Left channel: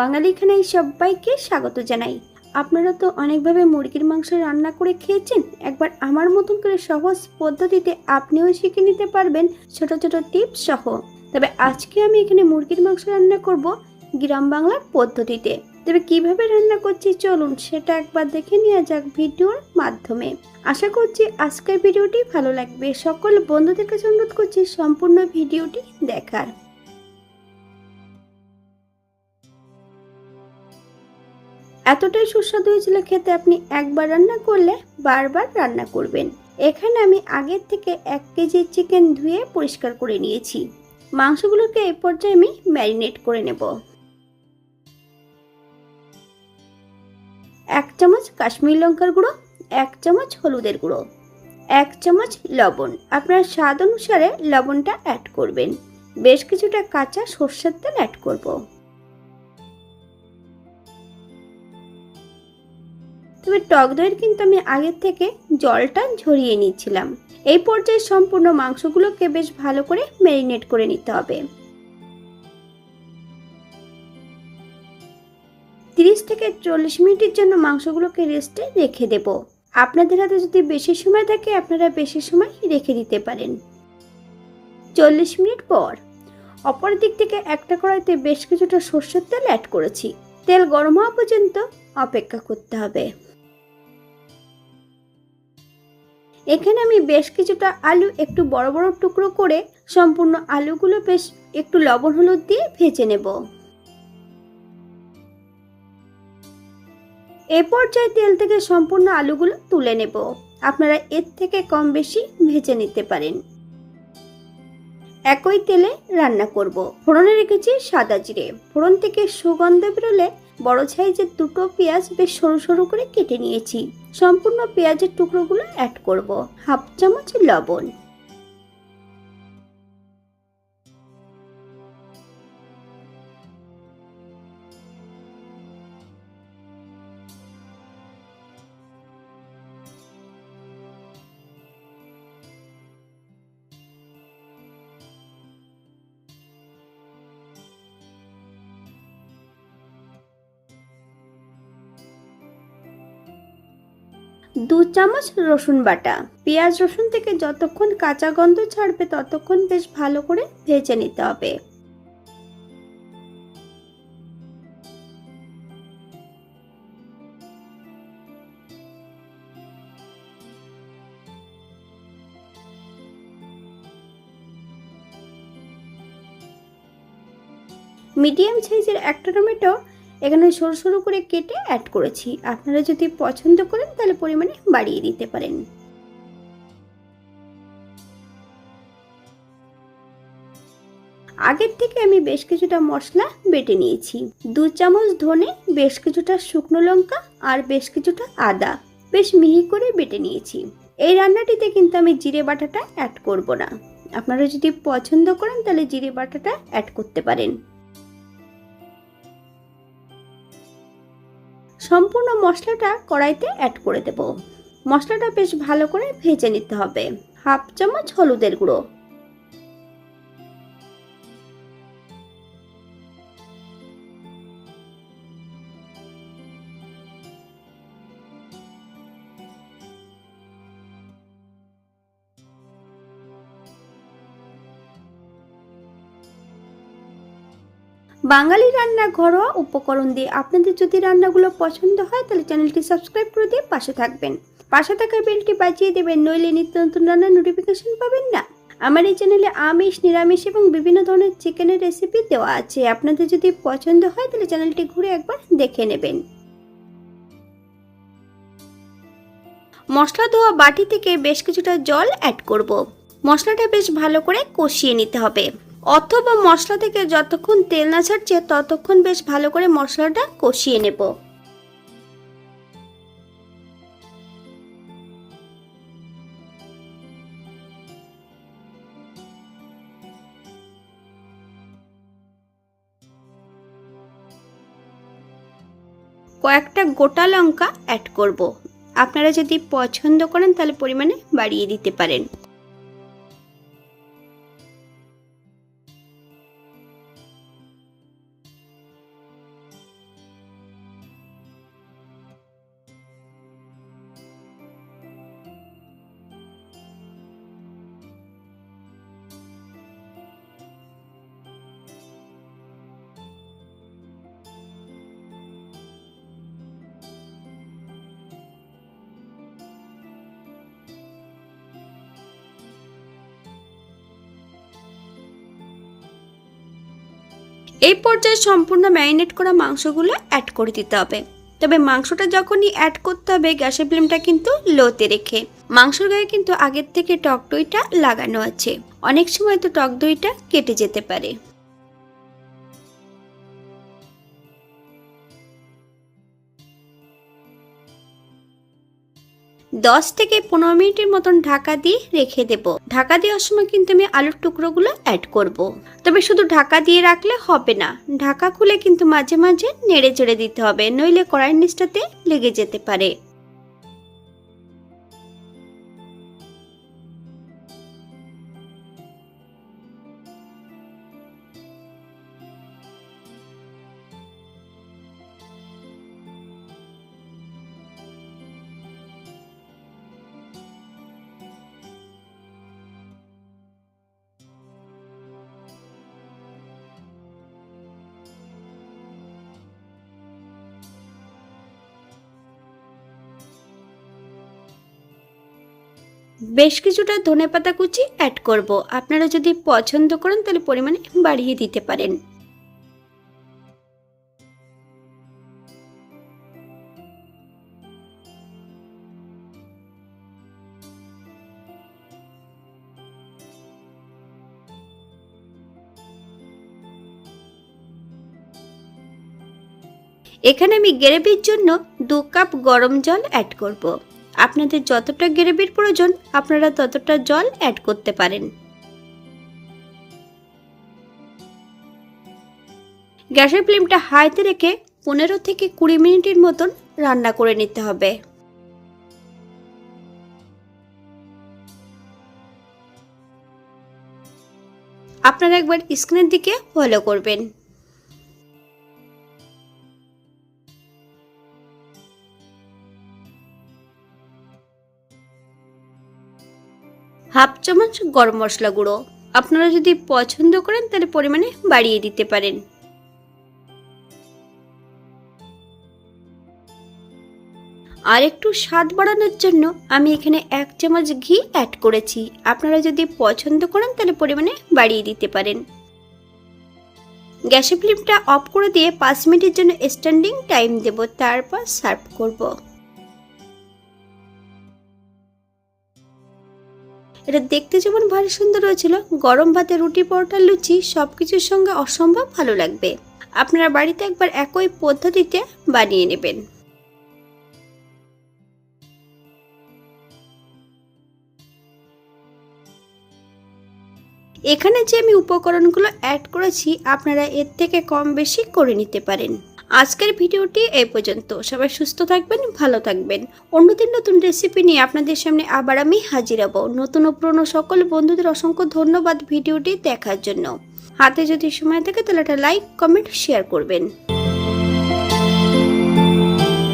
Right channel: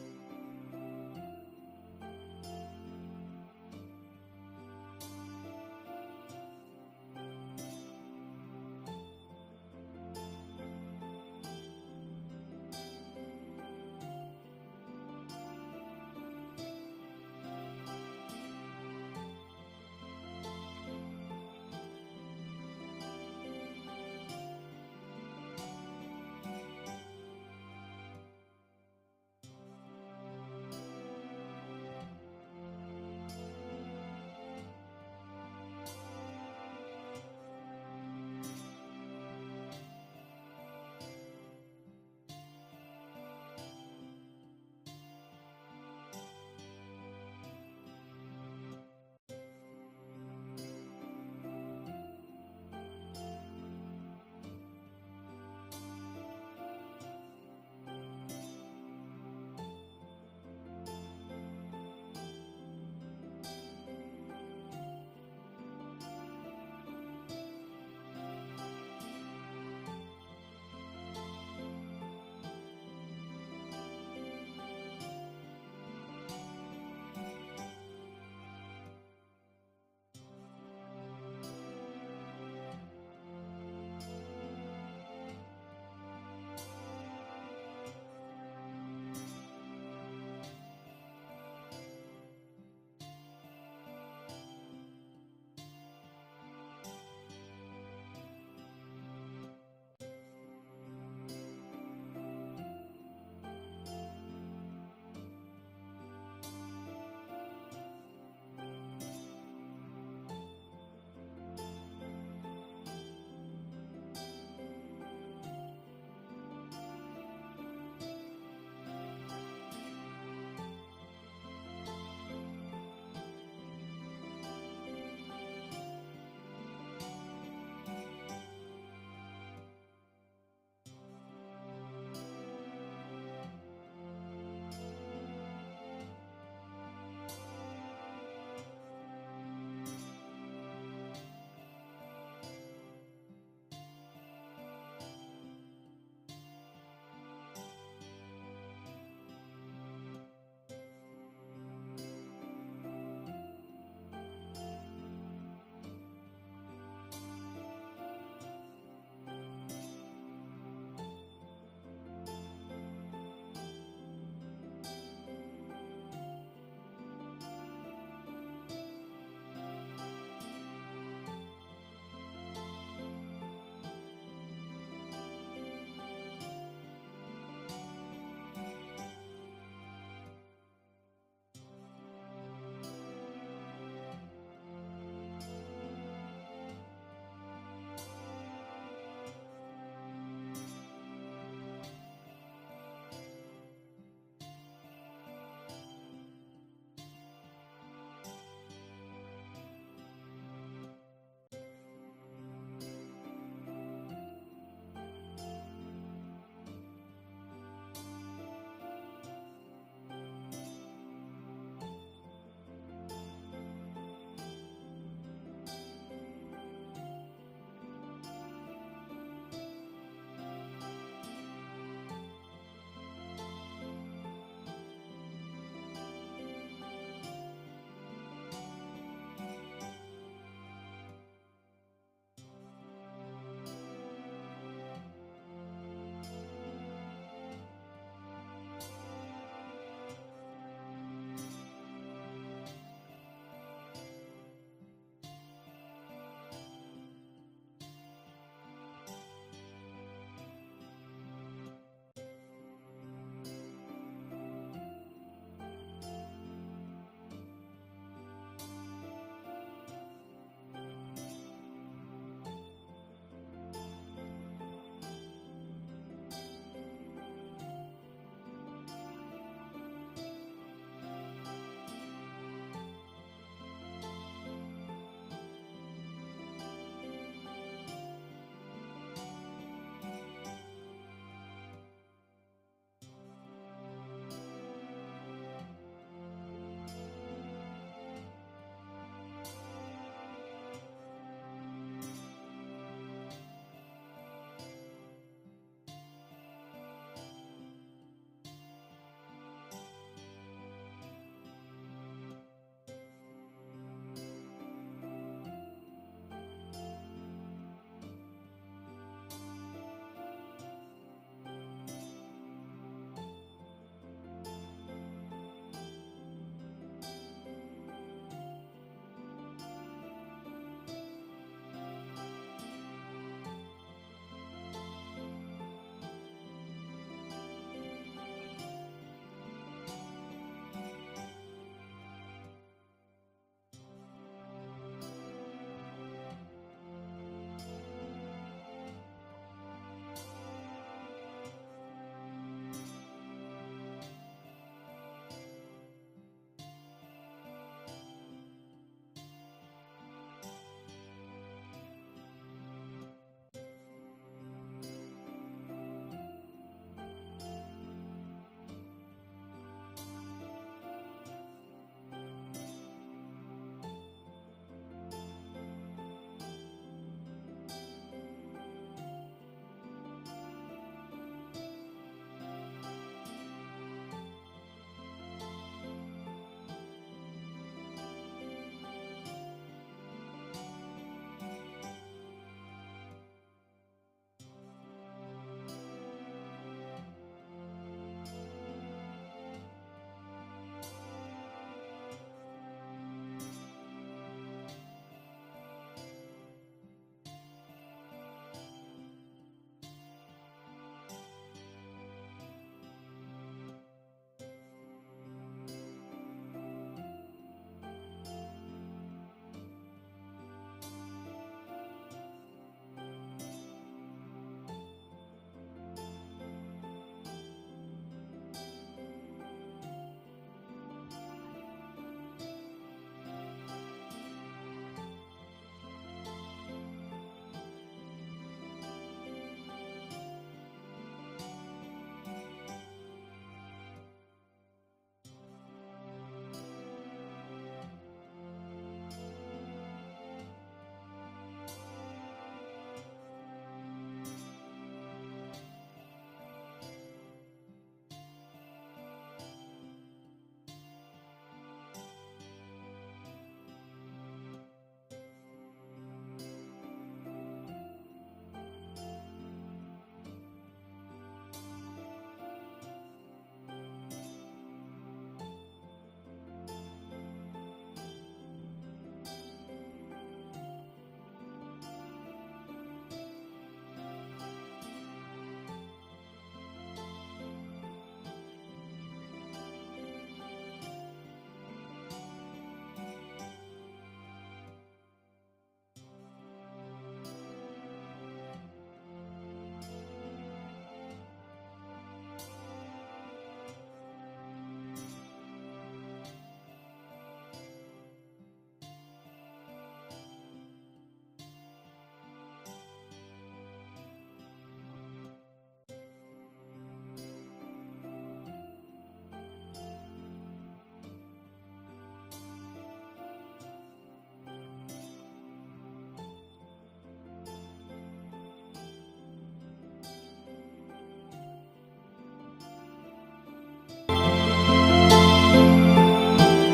বাঙালি খানায় সবাইকে স্বাগত জানাই। আপনারা তো অনেকভাবে মুরগির মাংস রান্না করে খেয়েছেন। একবার আমার মতন করে সহজ পদ্ধতিতে আপনিও শিখে নিতে পারবেন ছোট ছোট টিপস সহ। তবে আজকে আমি এখানে মুরগির মাংস রান্না করব গ্রাম বাংলার পদ্ধতিতে। তবে কিভাবে রান্না করছি চলুন সেটা একবার দেখে নেওয়া যাক ভিডিওর মাধ্যমে। আশা করছি আজকের ভিডিওটি ভালো লাগবে। সকল বন্ধুদের কাছে অনুরোধ করছি সম্পূর্ণ ভিডিওটি দেখার। এতটাই সুস্বাদু হয়েছিল খেতে, আপনি একবার রান্না করলে বারবার রান্না করবেন। এখানে আমি আগের থেকে 1 কেজি চিকেন ধুয়ে পরিষ্কার করে নিয়েছি। মাংসগুলোকে এই পর্যায়ে আমি ম্যারিনেট করে নেব। 1 চামচ কাশ্মীরি লঙ্কার গুঁড়ো, 1 চামচ হলুদের গুঁড়ো, 1 চামচ লবণ। আপনার স্বাদ অনুসারে লবণটা অ্যাড করবেন। বেশ কিছুটা কাঁচা সরষের তেল অ্যাড করব। তবে টক দইয়ের কিন্তু আমি আগের থেকে জলটা ঝরিয়ে নিচ্ছিলাম। এই পর্যায়ে সম্পূর্ণ মাংসগুলোকে বেশ ভালো করে ম্যারিনেট করে নিতে হবে। 30 থেকে 40 মিনিটের জন্য মাংসগুলোকে রেস্টে রেখে দেব। আপনাদের হাতে যদি বেশি সময় থাকে আপনারা বেশি সময় রেখে দিতে পারেন। 40 মিনিট পর অপর দিক থেকে একটা কড়াইতে বেশ কিছুটা সরষের তেল অ্যাড করেছি। তেল গরম হওয়া পর্যন্ত অপেক্ষা করতে হবে। এখানে আমি বেশ কিছুটা আলু একটু বড় বড় টুকরো করে সম্পূর্ণ আলুগুলো বেশ একটু লবণ হলুদ দিয়ে ভেজে নেব। এ পর্যায়ে তেল থেকে সম্পূর্ণ আলুগুলো তুলে নেব। আপনারা এর থেকে কম বেশি ভেজে নিতে পারেন। একই তেলে রান্না করব। ফোড়নে রেখেছি সাদা জিরে। ফোড়ন থেকে সুগন্ধ বেরোলে বড় সাইজের 2টো পেঁয়াজ বেশ সরু সরু করে কেটে নিয়েছি। সম্পূর্ণ পেঁয়াজের টুকরোগুলো অ্যাড করব। 1/2 চামচ লবণ। দু চামচ রসুন বাটা। পেঁয়াজ রসুন থেকে যতক্ষণ কাঁচা গন্ধ ছাড়বে ততক্ষণ বেশ ভালো করে ভেজে নিতে হবে। মিডিয়াম সাইজের একটা টমেটো এখানে সরু সরু করে কেটে অ্যাড করেছি। আপনারা যদি পছন্দ করেন তাহলে পরিমাণে বাড়িয়ে দিতে পারেন। আগের থেকে আমি বেশ কিছুটা মশলা বেটে নিয়েছি। 2 চামচ ধনে, বেশ কিছুটা শুকনো লঙ্কা আর বেশ কিছুটা আদা বেশ মিহি করে বেটে নিয়েছি। এই রান্নাটিতে কিন্তু আমি জিরে বাটাটা অ্যাড করব না। আপনারা যদি পছন্দ করেন তাহলে জিরে বাটাটা অ্যাড করতে পারেন। সম্পূর্ণ মশলাটা কড়াইতে অ্যাড করে দেব। মশলাটা বেশ ভালো করে ভেজে নিতে হবে। 1/2 চামচ হলুদের গুঁড়ো, বাঙালি রান্না ঘরোয়া উপকরণ দিয়ে আপনাদের যদি রান্নাগুলো পছন্দ হয় তাহলে চ্যানেলটি সাবস্ক্রাইব করে দিয়ে পাশে থাকবেন। পাশে থাকা বেলটি বাজিয়ে দেবেন, নইলে নিত্য নতুন রান্নার নোটিফিকেশন পাবেন না। আমার এই চ্যানেলে আমিষ, নিরামিষ এবং বিভিন্ন ধরনের চিকেনের রেসিপি দেওয়া আছে। আপনাদের যদি পছন্দ হয় তাহলে চ্যানেলটি ঘুরে একবার দেখে নেবেন। মশলা ধোয়া বাটি থেকে বেশ কিছুটা জল অ্যাড করব। মশলাটা বেশ ভালো করে কষিয়ে নিতে হবে। অথবা মশলা থেকে যতক্ষণ তেল না ছাড়ছে ততক্ষণ বেশ ভালো করে মশলাটা কষিয়ে নেব। কয়েকটা গোটা লঙ্কা অ্যাড করব। আপনারা যদি পছন্দ করেন তাহলে পরিমাণে বাড়িয়ে দিতে পারেন। এই পর্যায়ে সম্পূর্ণ ম্যারিনেট করা মাংসগুলো অ্যাড করে দিতে হবে। তবে মাংসটা যখনই অ্যাড করতে হবে গ্যাসের ফ্লেমটা কিন্তু লোতে রেখে। মাংসের গায়ে কিন্তু আগের থেকে টক দইটা লাগানো আছে, অনেক সময় তো টক দইটা কেটে যেতে পারে। 10 থেকে 15 মিনিটের মতন ঢাকা দিয়ে রেখে দেব। ঢাকা দেওয়ার সময় কিন্তু আমি আলুর টুকরোগুলো অ্যাড করব। তবে শুধু ঢাকা দিয়ে রাখলে হবে না, ঢাকা খুলে কিন্তু মাঝে মাঝে নেড়ে চেড়ে দিতে হবে, নইলে কড়াইয়ের নিচটাতে লেগে যেতে পারে। বেশ কিছুটা ধনেপাতা কুচি অ্যাড করব। আপনারা যদি পছন্দ করেন তাহলে পরিমাণে বাড়িয়ে দিতে পারেন। এখানে আমি গ্রেভির জন্য 2 কাপ গরম জল অ্যাড করব। আপনাদের যতটা গ্রেভির প্রয়োজন আপনারা ততটা জল অ্যাড করতে পারেন। গ্যাসের ফ্লেমটা হাইতে রেখে 15 থেকে 20 মিনিটের মতন রান্না করে নিতে হবে। আপনারা একবার স্ক্রিনের দিকে ফলো করবেন। হাফ চামচ গরম মশলা গুঁড়ো, আপনারা যদি পছন্দ করেন তাহলে পরিমাণে বাড়িয়ে দিতে পারেন। আর একটু স্বাদ বাড়ানোর জন্য আমি এখানে 1 চামচ ঘি অ্যাড করেছি, আপনারা যদি পছন্দ করেন তাহলে পরিমাণে বাড়িয়ে দিতে পারেন। গ্যাসের ফ্লেমটা অফ করে দিয়ে 5 মিনিটের জন্য স্ট্যান্ডিং টাইম দেব, তারপর সার্ভ করব। এটা দেখতে যেমন ভালো সুন্দর হয়েছিল, গরম ভাতে, রুটি, পরোটা, লুচি সবকিছুর সঙ্গে অসম্ভব ভালো লাগবে। আপনারা বাড়িতে একবার একই পদ্ধতিতে বানিয়ে নেবেন। এখানে যে আমি উপকরণগুলো অ্যাড করেছি আপনারা এর থেকে কম বেশি করে নিতে পারেন। আজকের ভিডিওটি এই পর্যন্ত। সবাই সুস্থ থাকবেন, ভালো থাকবেন। অন্যদিন নতুন রেসিপি নিয়ে আপনাদের সামনে আবার আমি হাজির হব। নতুন ও পুরনো সকল বন্ধুদের অসংখ্য ধন্যবাদ ভিডিওটি দেখার জন্য। হাতে যদি সময় থাকে তাহলে একটা লাইক, কমেন্ট, শেয়ার করবেন।